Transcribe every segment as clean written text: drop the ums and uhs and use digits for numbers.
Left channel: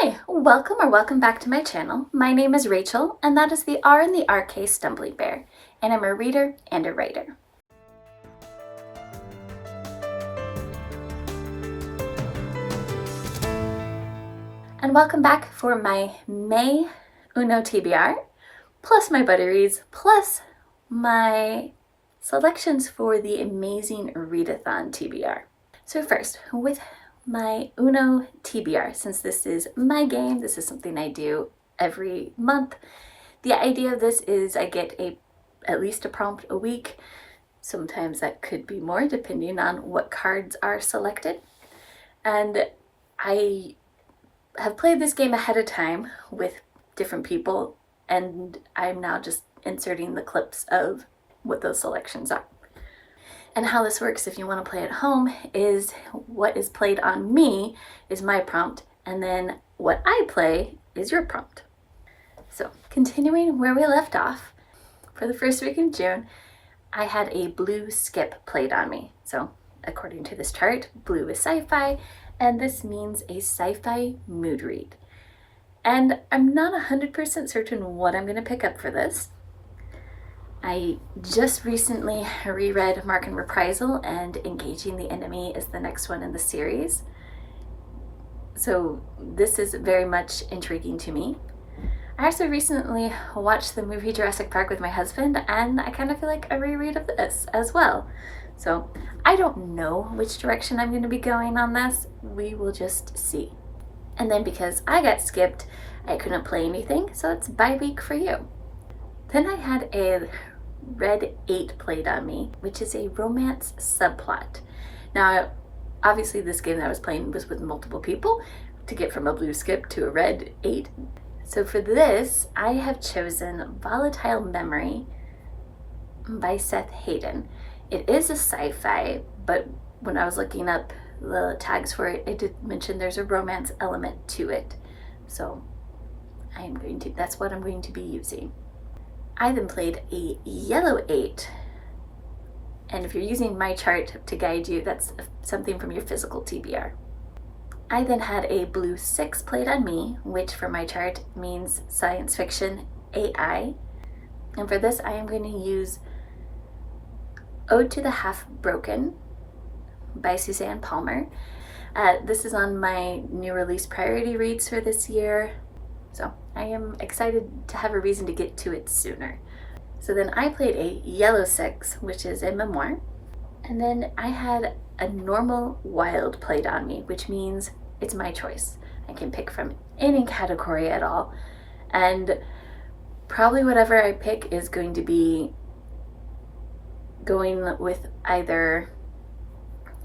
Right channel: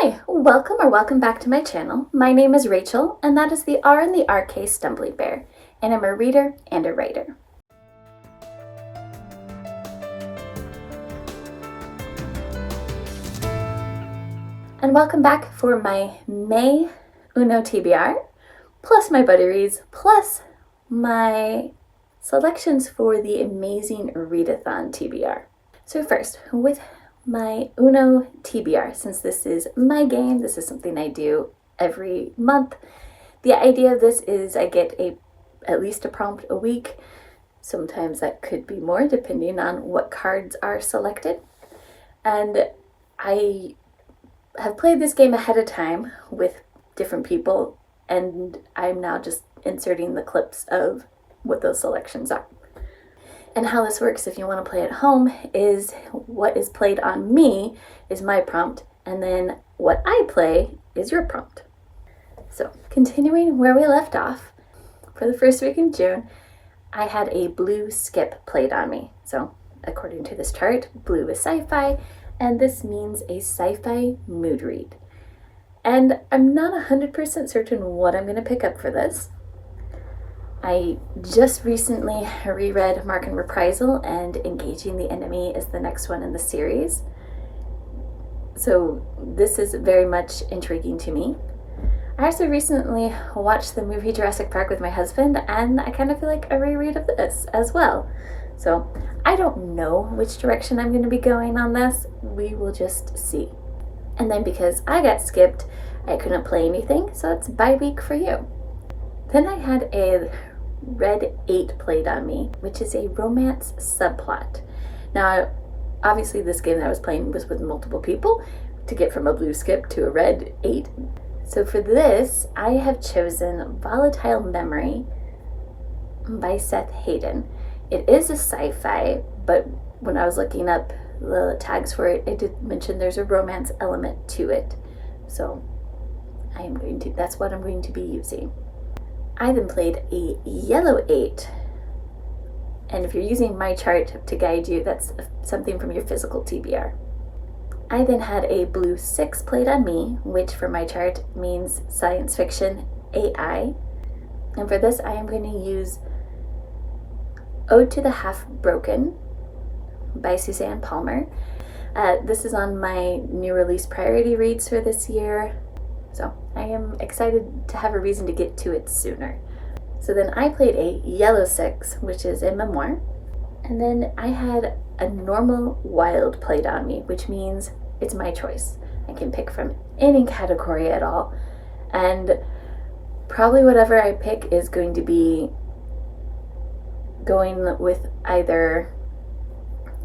Hi, welcome back to my channel. My name is Rachel, and that is the R in the RK Stumbly Bear, and I'm a reader and a writer. And welcome back for my May Uno TBR, plus my buddy reads, plus my selections for the amazing Readathon TBR. So first, with my Uno TBR, since this is my game, this is something I do every month. The idea of this is I get at least a prompt a week. Sometimes that could be more depending on what cards are selected. And I have played this game ahead of time with different people, and I'm now just inserting the clips of what those selections are. And how this works, if you want to play at home, is what is played on me is my prompt, and then what I play is your prompt. So continuing where we left off, for the first week in June, I had a blue skip played on me. So according to this chart, blue is sci-fi, and this means a sci-fi mood read. And I'm not 100% certain what I'm going to pick up for this. I just recently reread Mark and Reprisal, and Engaging the Enemy is the next one in the series. So this is very much intriguing to me. I also recently watched the movie Jurassic Park with my husband, and I kind of feel like a reread of this as well. So I don't know which direction I'm going to be going on this. We will just see. And then because I got skipped, I couldn't play anything, so it's bye week for you. Then I had a Red 8 played on me, which is a romance subplot. Now, obviously this game that I was playing was with multiple people to get from a blue skip to a Red 8. So for this, I have chosen Volatile Memory by Seth Hayden. It is a sci-fi, but when I was looking up the tags for it, it did mention there's a romance element to it. So that's what I'm going to be using. I then played a yellow 8, and if you're using my chart to guide you, that's something from your physical TBR. I then had a blue 6 played on me, which for my chart means science fiction AI, and for this I am going to use Ode to the Half Broken by Suzanne Palmer. This is on my new release priority reads for this year. So I am excited to have a reason to get to it sooner. So then I played a yellow 6, which is a memoir. And then I had a normal wild played on me, which means it's my choice. I can pick from any category at all. And probably whatever I pick is going to be going with either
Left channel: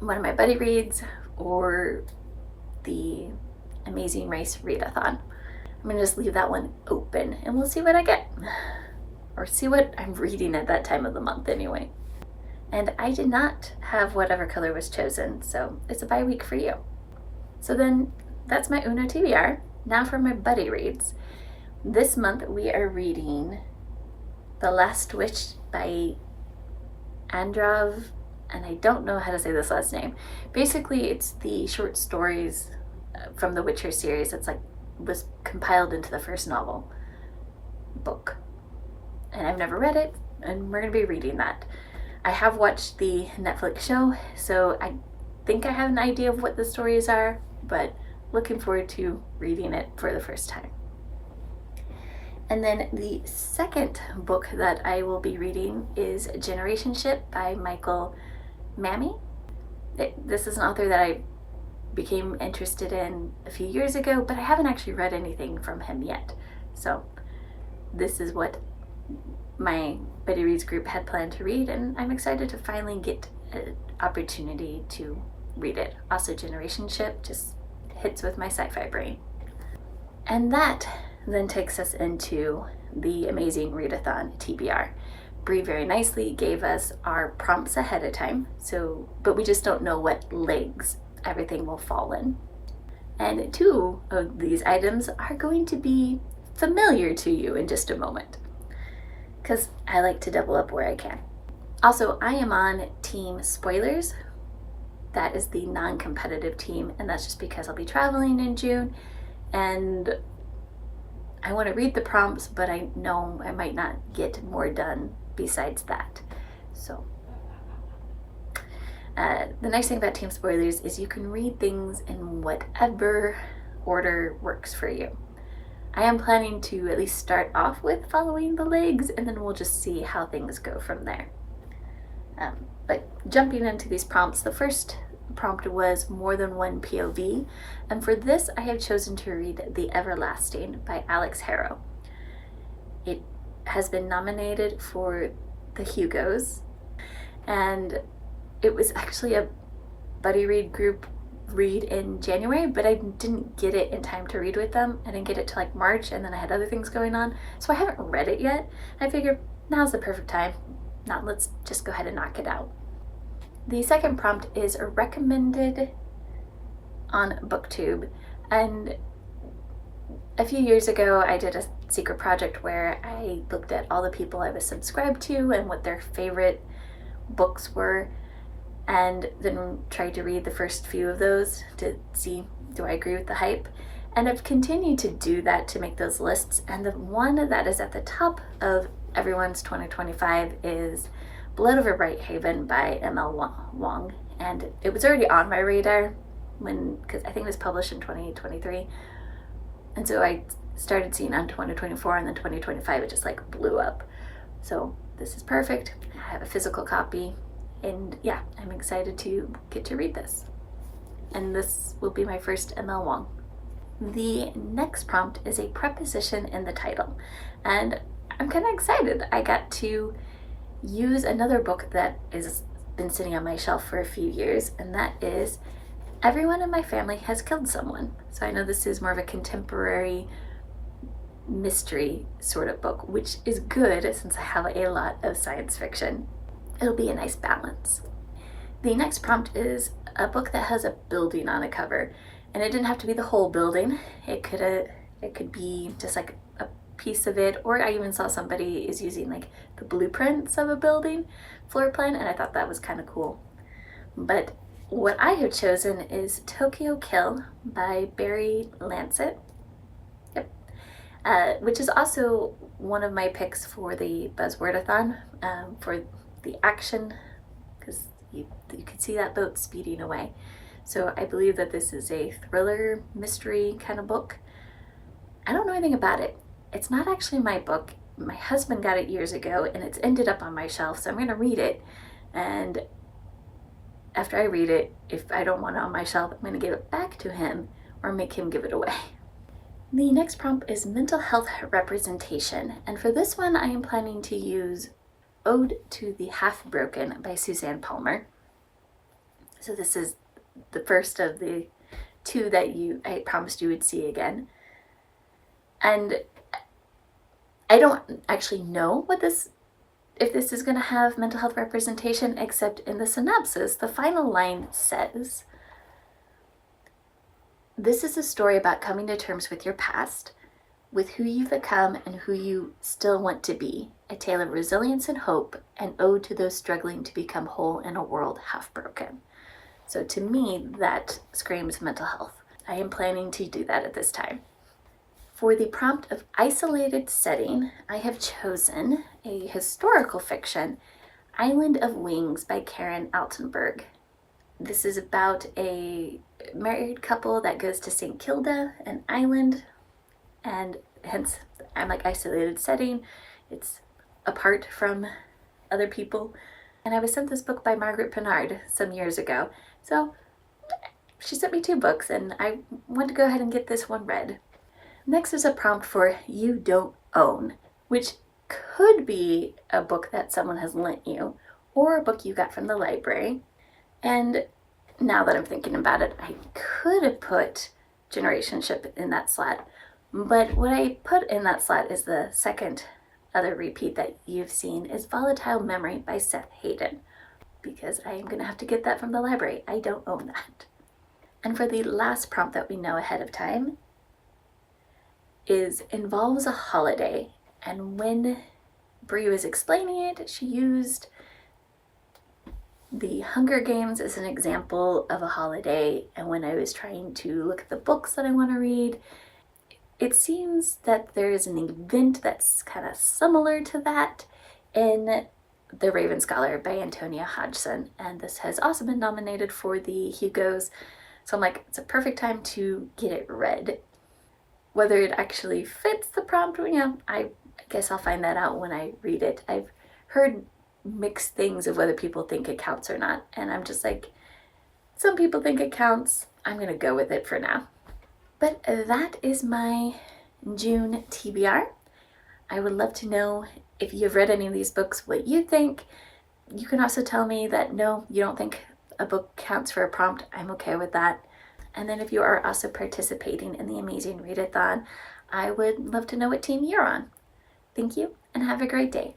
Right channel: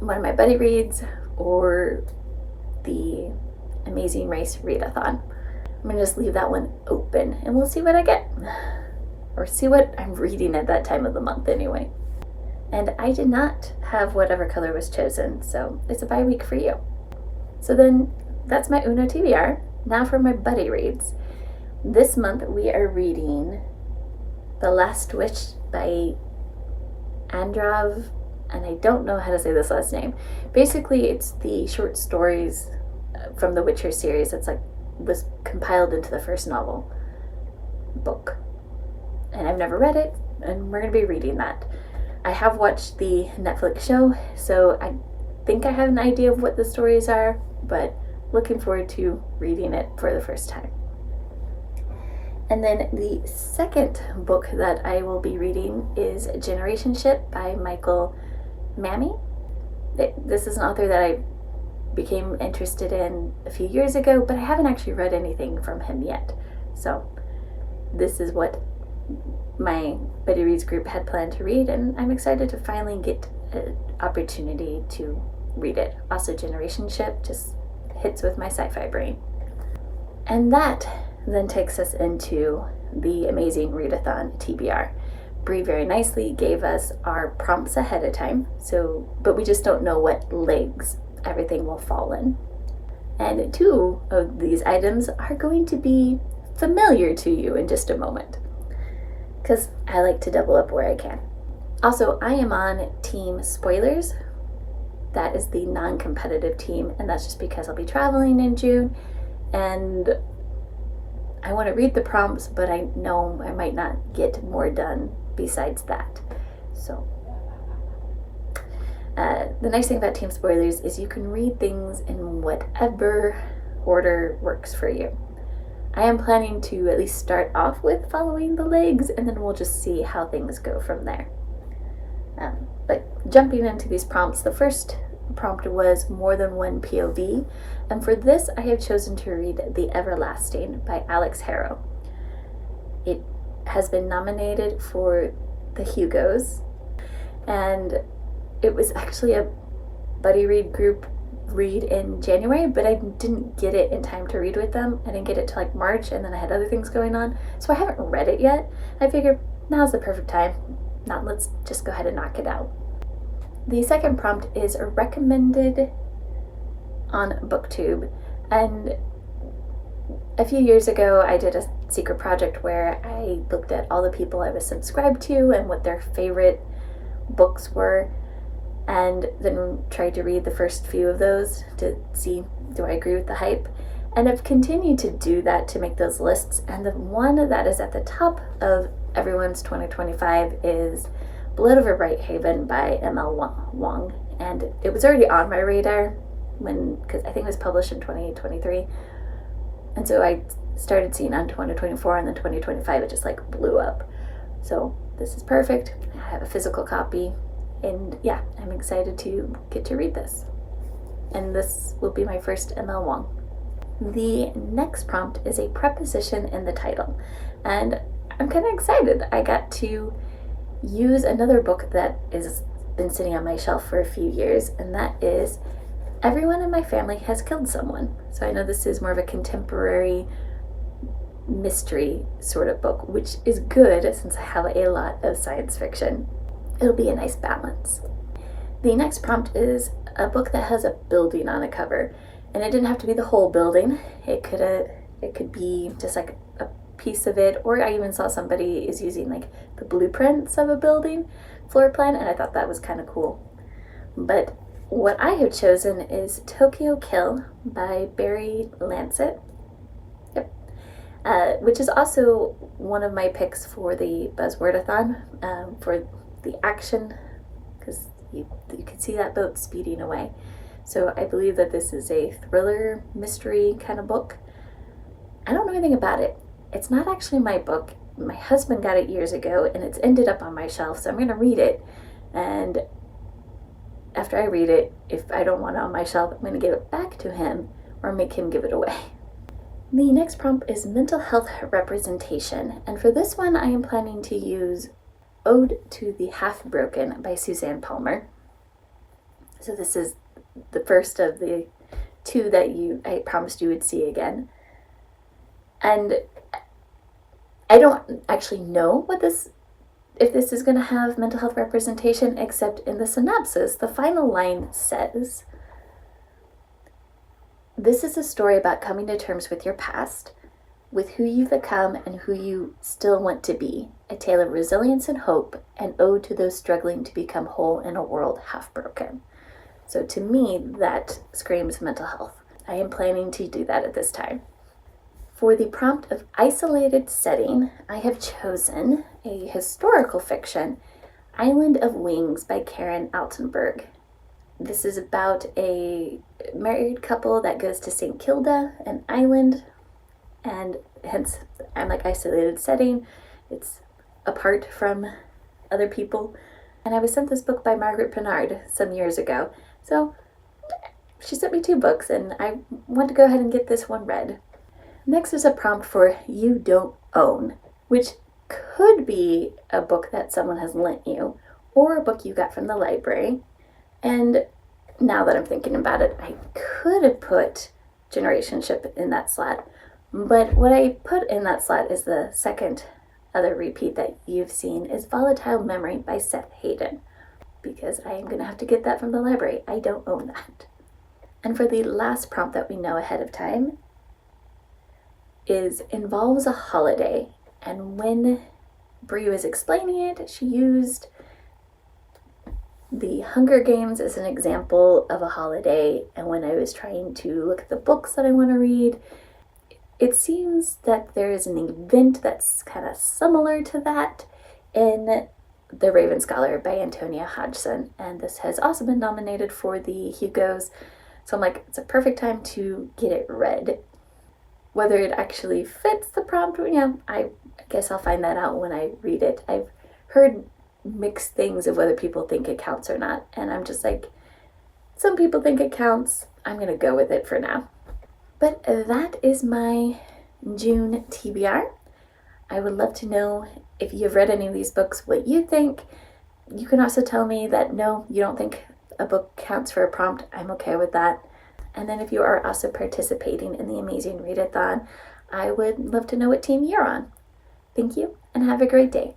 one of my buddy reads or the Amazing Race Readathon. I'm going to just leave that one open and we'll see what I get. Or see what I'm reading at that time of the month anyway. And I did not have whatever color was chosen, so it's a bye week for you. So then that's my Uno TBR. Now for my buddy reads. This month we are reading The Last Wish by Androv, and I don't know how to say this last name. Basically, it's the short stories from the Witcher series. It's was compiled into the first novel book, and I've never read it, and we're going to be reading that. I have watched the Netflix show, so I think I have an idea of what the stories are, but looking forward to reading it for the first time. And then the second book that I will be reading is Generationship by Michael Mammy. This is an author that I became interested in a few years ago, but I haven't actually read anything from him yet. So this is what my Buddy Reads group had planned to read, and I'm excited to finally get an opportunity to read it. Also, Generationship just hits with my sci-fi brain. And that then takes us into the amazing Readathon TBR. Bree very nicely gave us our prompts ahead of time, but we just don't know what legs everything will fall in. And 2 of these items are going to be familiar to you in just a moment, because I like to double up where I can. Also, I am on Team Spoilers. That is the non-competitive team, and that's just because I'll be traveling in June and I want to read the prompts, but I know I might not get more done besides that. So the nice thing about Team Spoilers is you can read things in whatever order works for you. I am planning to at least start off with following the legs, and then we'll just see how things go from there. But jumping into these prompts, the first prompt was more than one POV, and for this I have chosen to read The Everlasting by Alex Harrow. It has been nominated for the Hugos, and it was actually a buddy read group read in January, but I didn't get it in time to read with them. I didn't get it till like March, and then I had other things going on, so I haven't read it yet. I figured now's the perfect time. Now let's just go ahead and knock it out. The second prompt is recommended on BookTube, and a few years ago I did a secret project where I looked at all the people I was subscribed to and what their favorite books were, and then tried to read the first few of those to see, do I agree with the hype? And I've continued to do that to make those lists, and the one that is at the top of everyone's 2025 is Blood Over Brighthaven by M.L. Wong, and it was already on my radar because I think it was published in 2023, and so I started seeing on 2024, and then 2025 it just like blew up. So this is perfect. I have a physical copy, and yeah, I'm excited to get to read this. And this will be my first M.L. Wong. The next prompt is a preposition in the title, and I'm kind of excited. I got to use another book that has been sitting on my shelf for a few years, and that is Everyone in My Family Has Killed Someone. So I know this is more of a contemporary mystery sort of book, which is good since I have a lot of science fiction. It'll be a nice balance. The next prompt is a book that has a building on a cover, and it didn't have to be the whole building. It could be just like a piece of it, or I even saw somebody is using like the blueprints of a building floor plan, and I thought that was kind of cool. But what I have chosen is Tokyo Kill by Barry Lancet. Yep. Which is also one of my picks for the Buzzwordathon, for the action, because you can see that boat speeding away. So I believe that this is a thriller mystery kind of book. I don't know anything about it. It's not actually my book. My husband got it years ago, and it's ended up on my shelf, so I'm going to read it. And after I read it, if I don't want it on my shelf, I'm going to give it back to him or make him give it away. The next prompt is mental health representation, and for this one I am planning to use Ode to the Half-Broken by Suzanne Palmer. So this is the first of the two that I promised you would see again. And I don't actually know if this is going to have mental health representation, except in the synopsis, the final line says, "This is a story about coming to terms with your past, with who you've become and who you still want to be, a tale of resilience and hope, an ode to those struggling to become whole in a world half broken." So to me, that screams mental health. I am planning to do that at this time. For the prompt of isolated setting, I have chosen a historical fiction, Island of Wings by Karen Altenberg. This is about a married couple that goes to St. Kilda, an island, and hence I'm like isolated setting. It's apart from other people. And I was sent this book by Margaret Pinard some years ago. So she sent me 2 books, and I want to go ahead and get this one read. Next is a prompt for You Don't Own, which could be a book that someone has lent you, or a book you got from the library. And now that I'm thinking about it, I could have put Generationship in that slot, but what I put in that slot is the second other repeat that you've seen is Volatile Memory by Seth Hayden, because I am going to have to get that from the library. I don't own that. And for the last prompt that we know ahead of time involves a holiday, and when Brie was explaining it, she used the Hunger Games as an example of a holiday, and when I was trying to look at the books that I want to read, it seems that there is an event that's kind of similar to that in The Raven Scholar by Antonia Hodgson, and this has also been nominated for the Hugos. So I'm like, it's a perfect time to get it read. Whether it actually fits the prompt, I guess I'll find that out when I read it. I've heard mixed things of whether people think it counts or not, and I'm just like, some people think it counts. I'm gonna go with it for now. But that is my June TBR. I would love to know if you've read any of these books, what you think. You can also tell me that no, you don't think a book counts for a prompt. I'm okay with that. And then if you are also participating in the amazing Readathon, I would love to know what team you're on. Thank you and have a great day.